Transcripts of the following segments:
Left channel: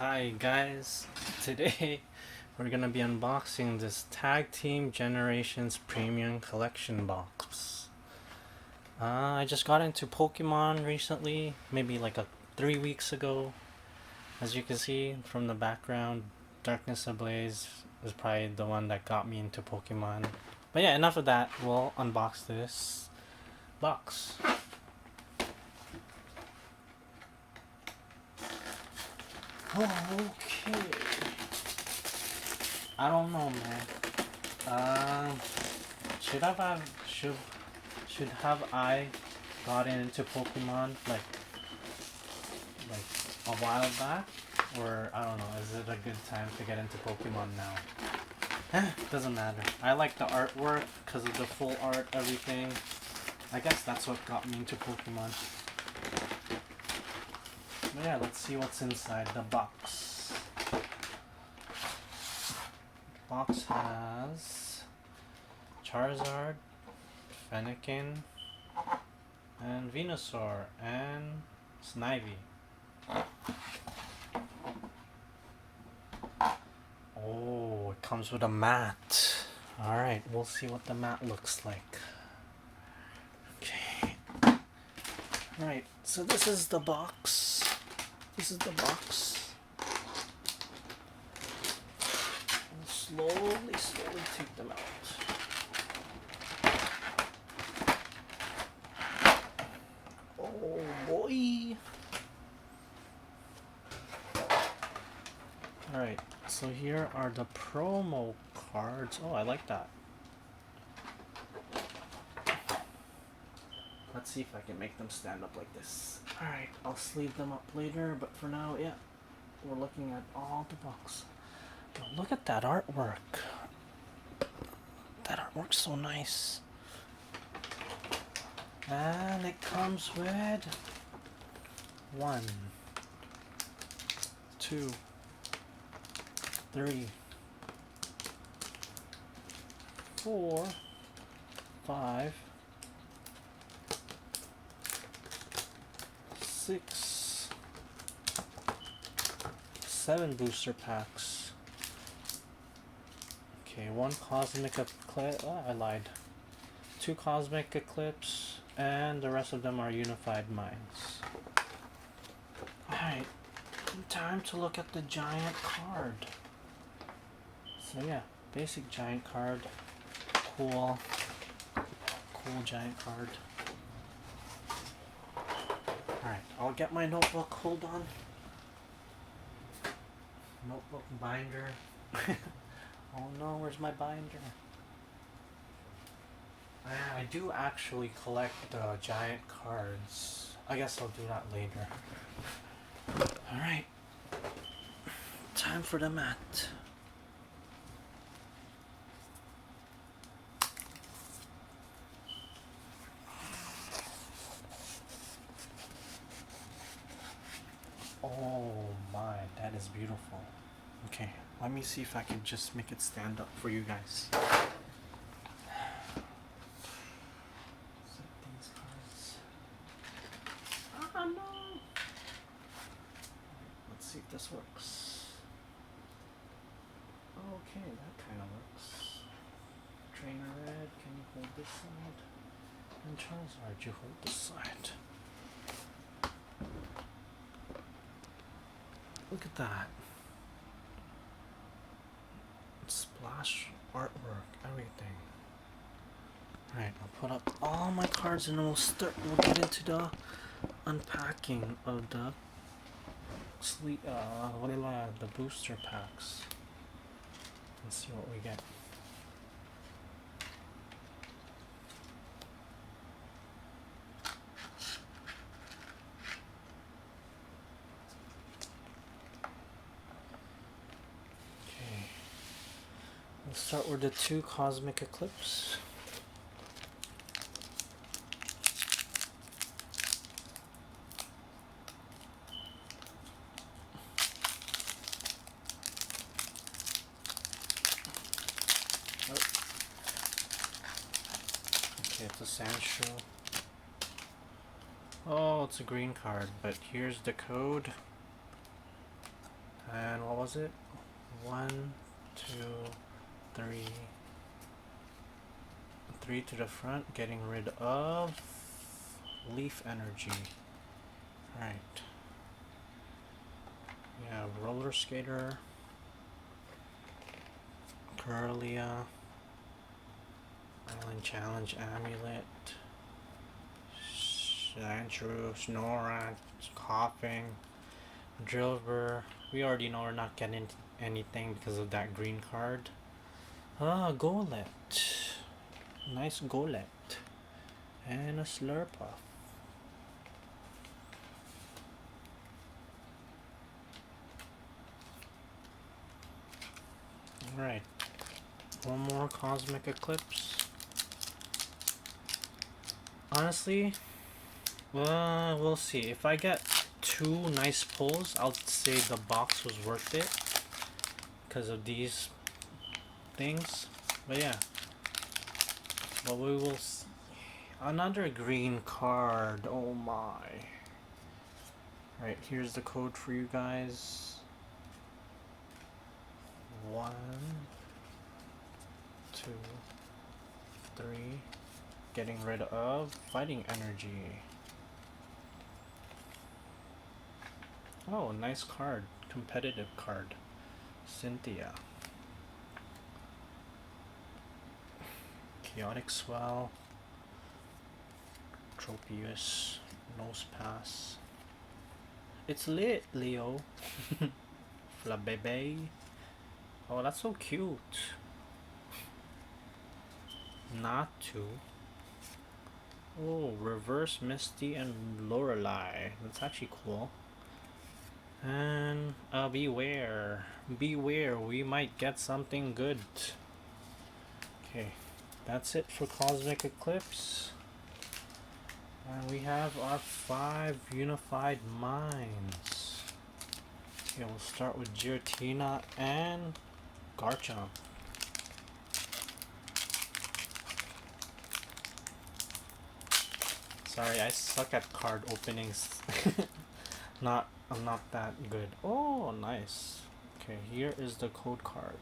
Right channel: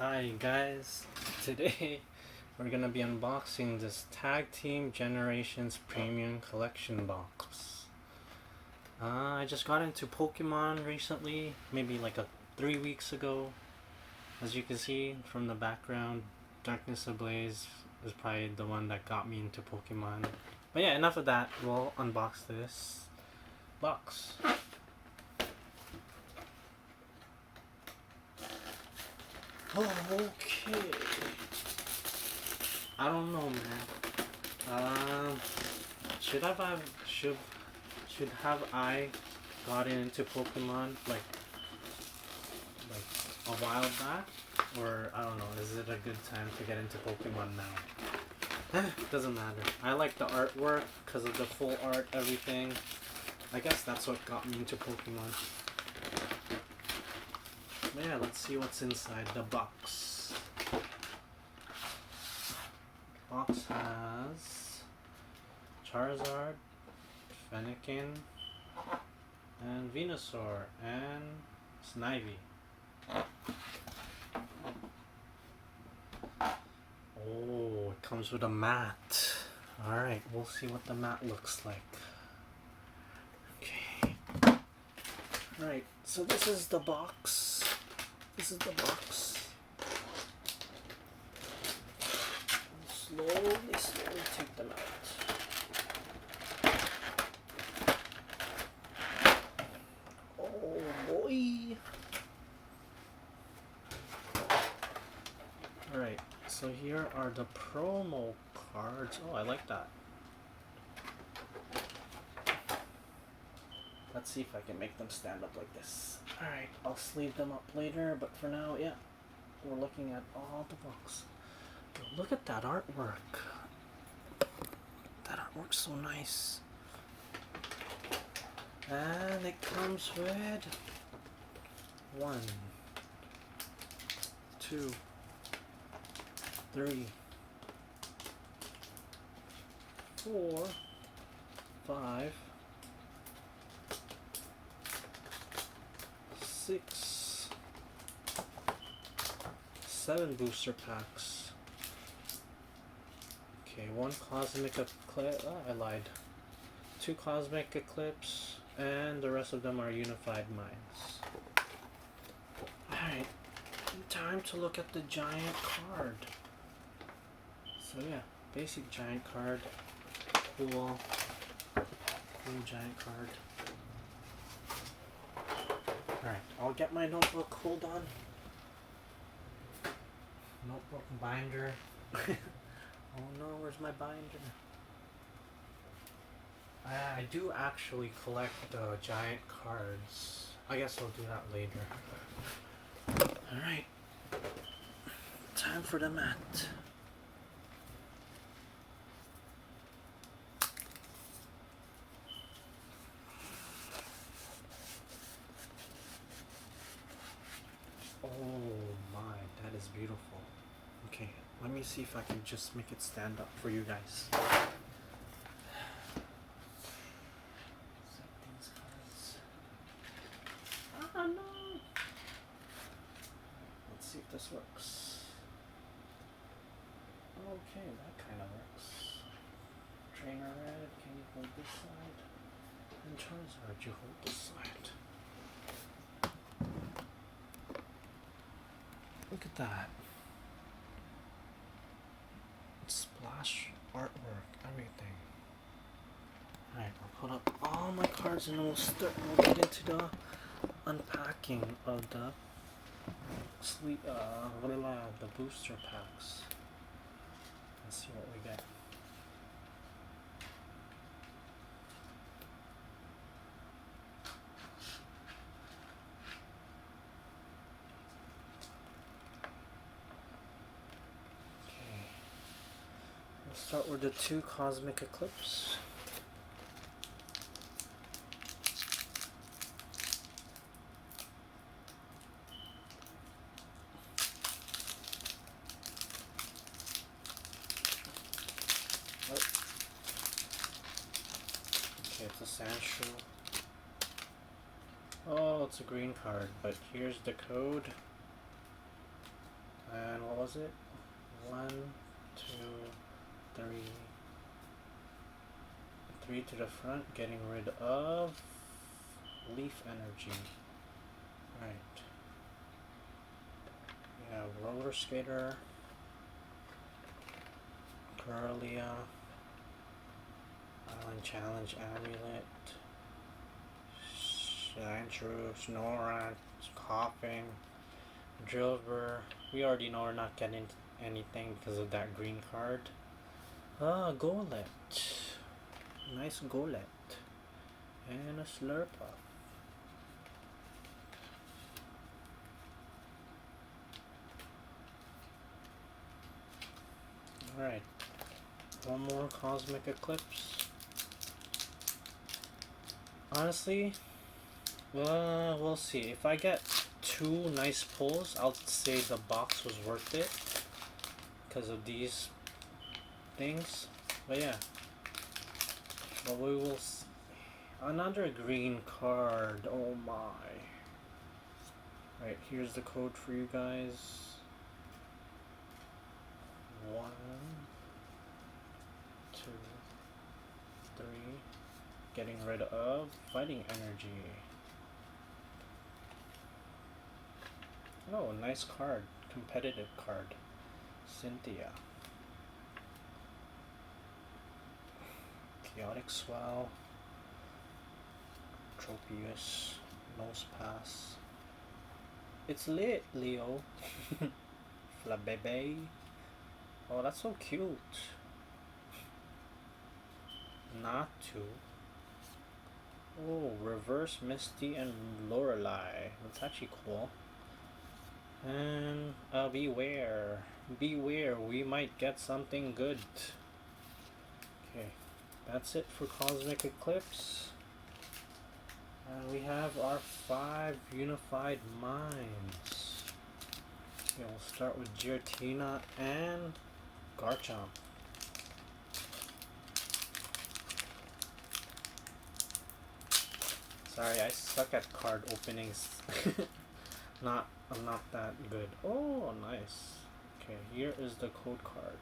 Hi guys, today we're gonna be unboxing this Tag Team Generations Premium Collection box. I just got into Pokemon recently, maybe like 3 weeks ago. As you can see from the background, Darkness Ablaze is probably the one that got me into Pokemon. But yeah, enough of that. We'll unbox this box. Okay. I don't know, man. Should have I gotten into Pokemon like a while back, or I don't know. Is it a good time to get into Pokemon now? Doesn't matter. I like the artwork because of the full art, everything. I guess that's what got me into Pokemon. But yeah, let's see what's inside the box. Box has Charizard, Fennekin, and Venusaur, and Snivy. Oh, it comes with a mat. Alright, we'll see what the mat looks like. Okay. Right, so this is the box. Slowly take them out. Oh boy. Alright, so here are the promo cards. Oh, I like that. Let's see if I can make them stand up like this. Alright, I'll sleeve them up later, but for now, yeah, we're looking at all the box. But look at that artwork. That artwork's so nice. And it comes with 1, 2, 3, 4, 5, 6, 7 booster packs. Okay, 1 Cosmic Eclipse. Oh, I lied. 2 Cosmic Eclipse, and the rest of them are Unified Minds. Alright, time to look at the giant card. So yeah, basic giant card. Cool giant card. Alright, I'll get my notebook. Hold on. Notebook binder. Oh no, where's my binder? I do actually collect giant cards. I guess I'll do that later. Alright. Time for the mat. Oh my, that is beautiful. Okay, let me see if I can just make it stand up for you guys. Oh no! Let's see if this works. Okay, that kind of works. Trainer Red, can you hold this side? And Charizard, you hold this side. Look at that. Splash artwork, everything. Alright, I'll put up all my cards and we'll get into the unpacking of the the booster packs. Let's see what we get. Okay. We'll start with the 2 Cosmic Eclipse. Okay, it's a Sandshrew. Oh, it's a green card, but here's the code. was it? 1, 2, 3. 3 to the front, getting rid of leaf energy. Alright. We have roller skater, Curlia, challenge amulet, Sandshrew, Snorunt, coughing, Drilver. We already know we're not getting anything because of that green card. Golett. Nice Golett. And a Slurpuff. Alright. One more Cosmic Eclipse. Honestly, we'll see. If I get 2 nice pulls, I'll say the box was worth it because of these things. But yeah. But we will see. Another green card. Oh my. Right, here's the code for you guys. 1, 2, 3. Getting rid of fighting energy. Oh, nice card. Competitive card. Cynthia. Chaotic Swell. Tropius. Nose Pass. It's lit, Leo. Flabebe. Oh, that's so cute. Not to. Oh, Reverse Misty and Lorelei. That's actually cool. And beware. Beware, we might get something good. Okay, that's it for Cosmic Eclipse. And we have our 5 Unified Minds. Okay, we'll start with Giratina and Garchomp. Sorry, I suck at card openings. I'm not that good. Oh, nice. Okay, here is the code card.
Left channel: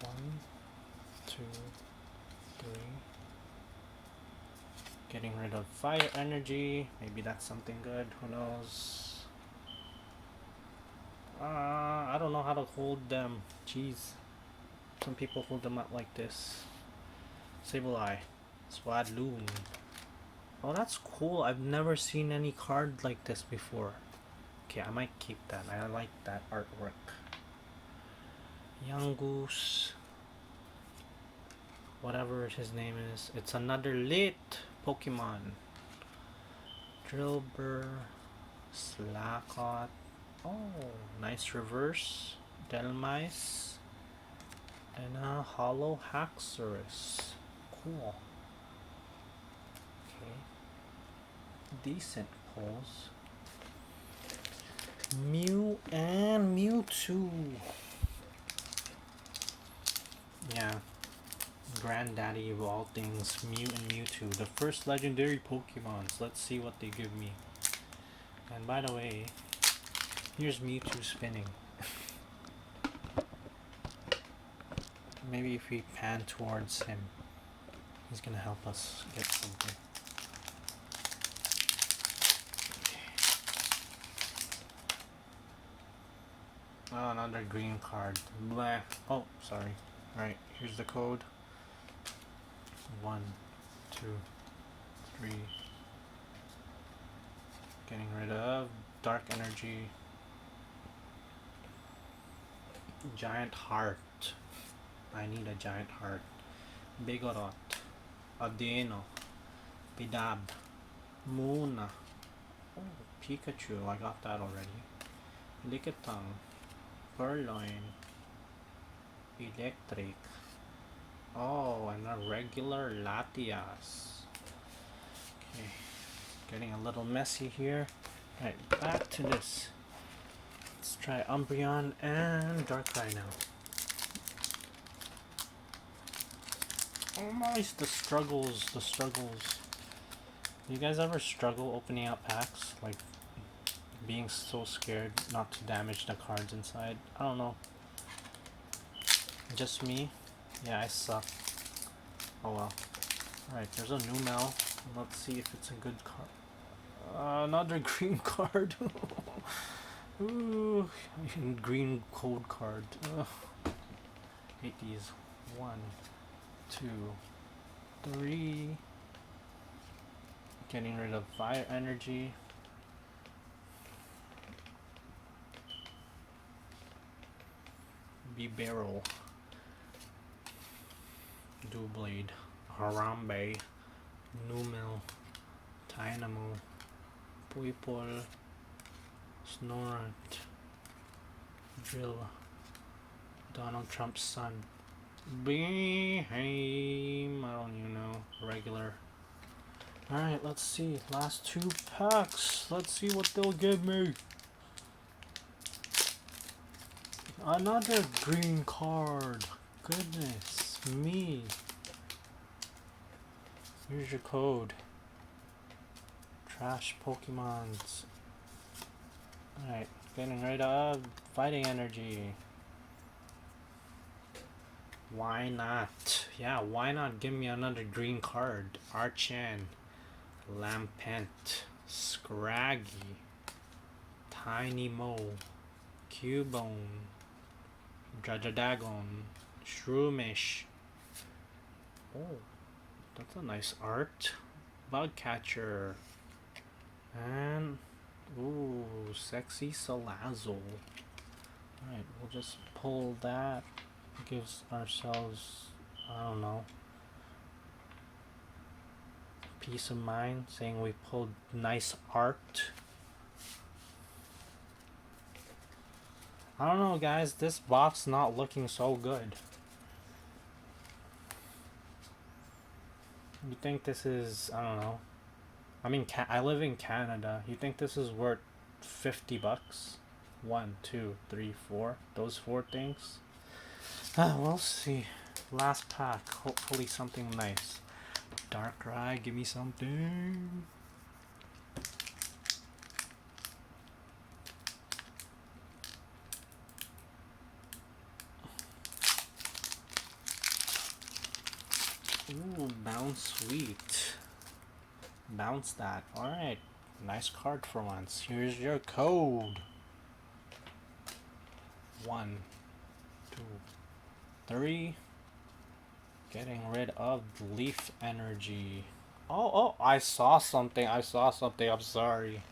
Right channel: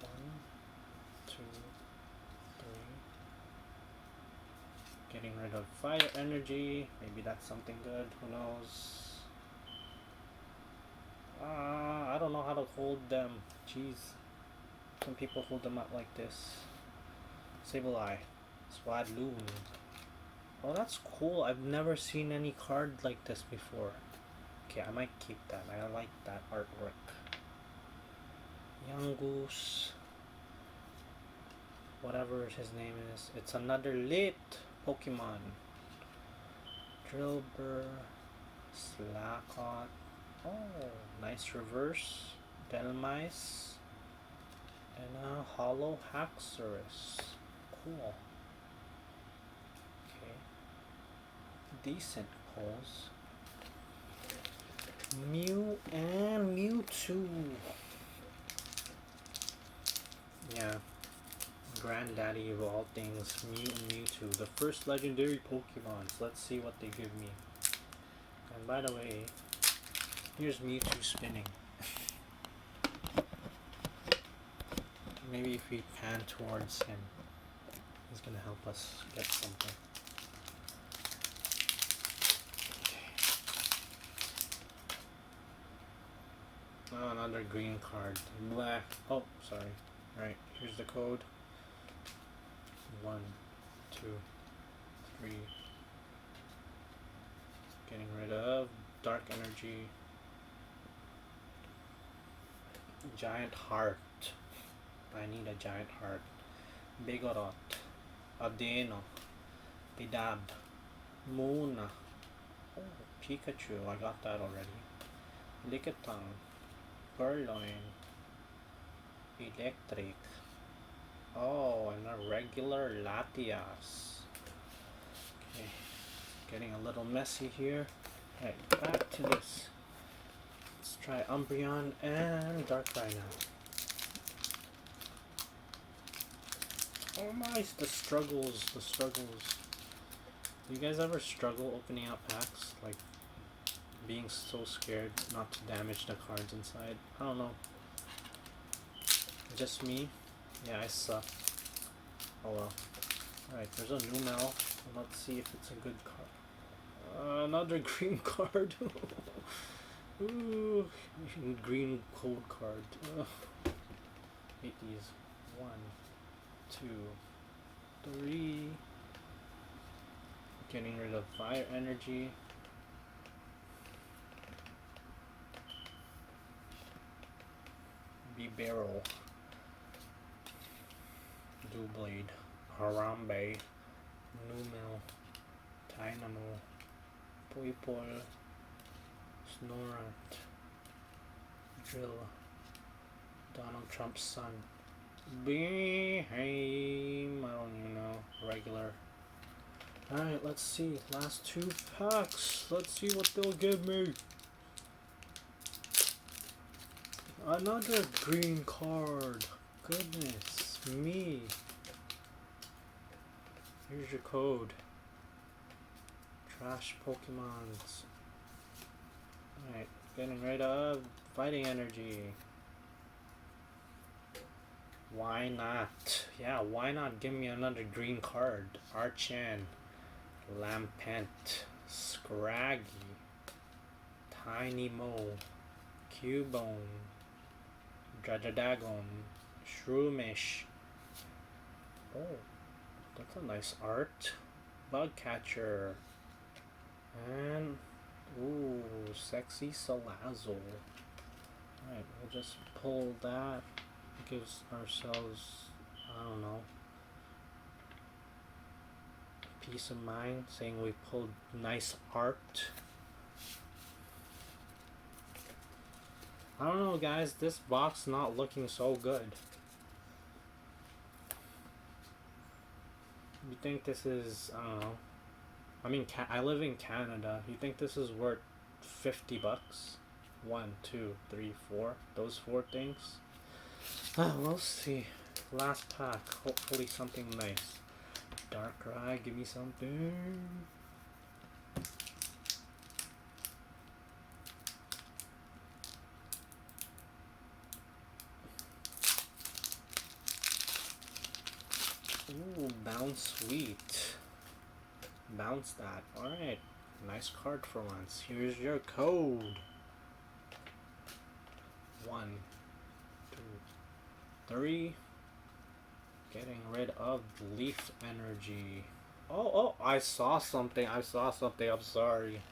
1, 2, 3. Getting rid of fire energy. Maybe that's something good. Who knows? I don't know how to hold them. Jeez. Some people hold them out like this. Sableye. Swadloon. Oh, that's cool. I've never seen any card like this before. Okay, I might keep that. I like that artwork. Young Goose. Whatever his name is. It's another lit Pokemon. Drillbur. Slackoth. Oh, nice reverse. Delmice. And a Hollow Haxorus. Cool. Decent pulls. Mew and Mewtwo. Yeah. Granddaddy of all things, Mew and Mewtwo. The first legendary Pokemons. Let's see what they give me. And by the way, here's Mewtwo spinning. Maybe if we pan towards him, he's gonna help us get something. Oh, another green card. Blah. Oh, sorry. Alright, here's the code. 1, 2, 3. Getting rid of dark energy. Giant heart. I need a giant heart. Bigorot. Adeno. Bidab. Moona. Oh, Pikachu. I got that already. Lickitung. Purloin. Electric. Oh, and a regular Latias. Okay, getting a little messy here. Right, back to this. Let's try Umbreon and Darkrai now. Oh nice, the struggles, the struggles. You guys ever struggle opening out packs? Like, being so scared not to damage the cards inside. I don't know. Just me? Yeah, I suck. Oh well. Alright, there's a new mail. Let's see if it's a good card. Another green card. Ooh, green code card. Hate these. 1, 2, 3. Getting rid of fire energy. Barrel. Doublade. Harambe. Numel. Dynamo. Poipol. Snorat. Drill. Donald Trump's son. Behave. I don't even know. Regular. Alright, let's see. Last 2 packs. Let's see what they'll give me. Another green card. Goodness me. Here's your code. Trash Pokemons. Alright, getting rid of fighting energy. Why not? Yeah, why not give me another green card? Archan. Lampent. Scraggy. Tiny Mo. Cubone. Drajadagon. Shroomish. Oh, that's a nice art. Bugcatcher. And, ooh, Sexy Salazzle. Alright, we'll just pull that. Gives ourselves, I don't know, peace of mind, saying we pulled nice art. I don't know, guys, this box not looking so good. You think this is, I don't know, I mean, I live in Canada. You think this is worth 50 bucks? 1, 2, 3, 4. Those 4 things. We'll see. Last pack. Hopefully something nice. Darkrai, give me something. Ooh, bounce sweet. Bounce that. Alright. Nice card for once. Here's your code. 1, 2, 3. Getting rid of leaf energy. Oh, I saw something. I'm sorry.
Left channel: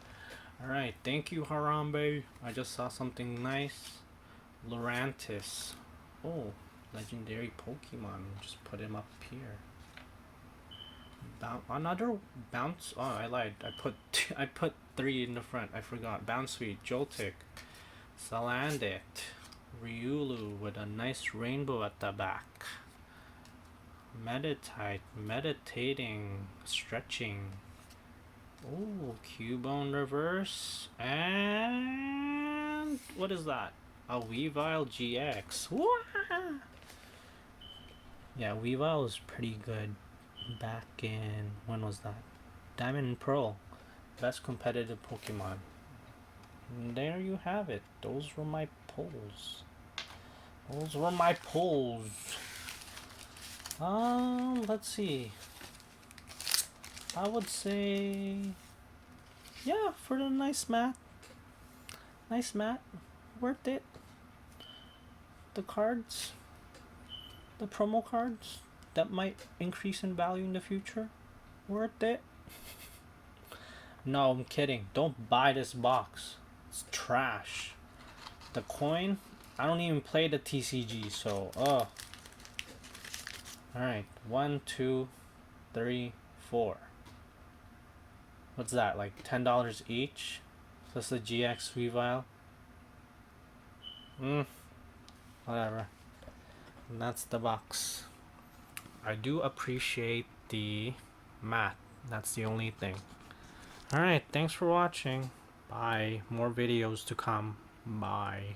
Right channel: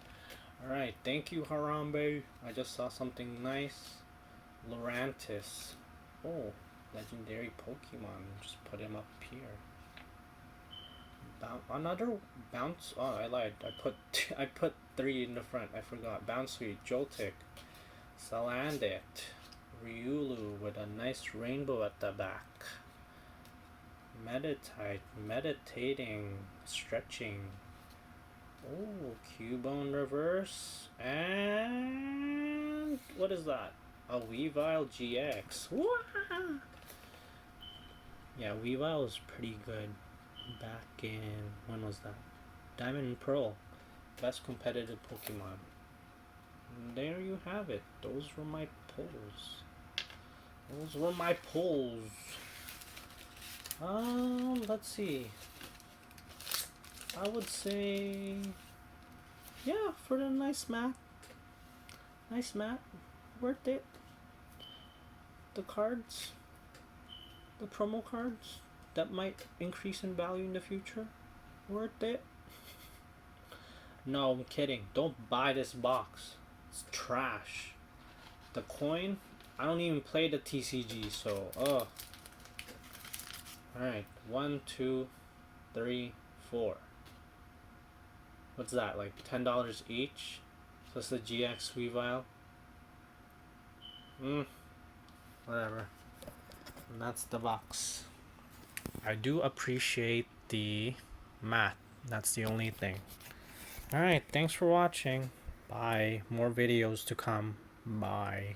Alright, thank you, Harambe. I just saw something nice. Lurantis. Oh, legendary Pokemon. Just put him up here. Another bounce. Oh, I lied. I put 3 in the front. I forgot. Bounce Sweet, Joltik, Salandit, Riolu with a nice rainbow at the back. Meditating, stretching. Oh, Cubone reverse. And what is that? A Weavile GX. Wah! Yeah, Weavile is pretty good. Back in, when was that? Diamond and Pearl. Best competitive Pokemon. And there you have it. Those were my pulls. Let's see. I would say, yeah, for the nice mat. Worth it. The cards, the promo cards that might increase in value in the future, worth it. No, I'm kidding. Don't buy this box. It's trash. The coin, I don't even play the TCG, so Alright, 1, 2, 3, 4. What's that, like $10 each? So it's the GX Weavile. Whatever. And that's the box. I do appreciate the math. That's the only thing. Alright, thanks for watching. Bye. More videos to come. Bye.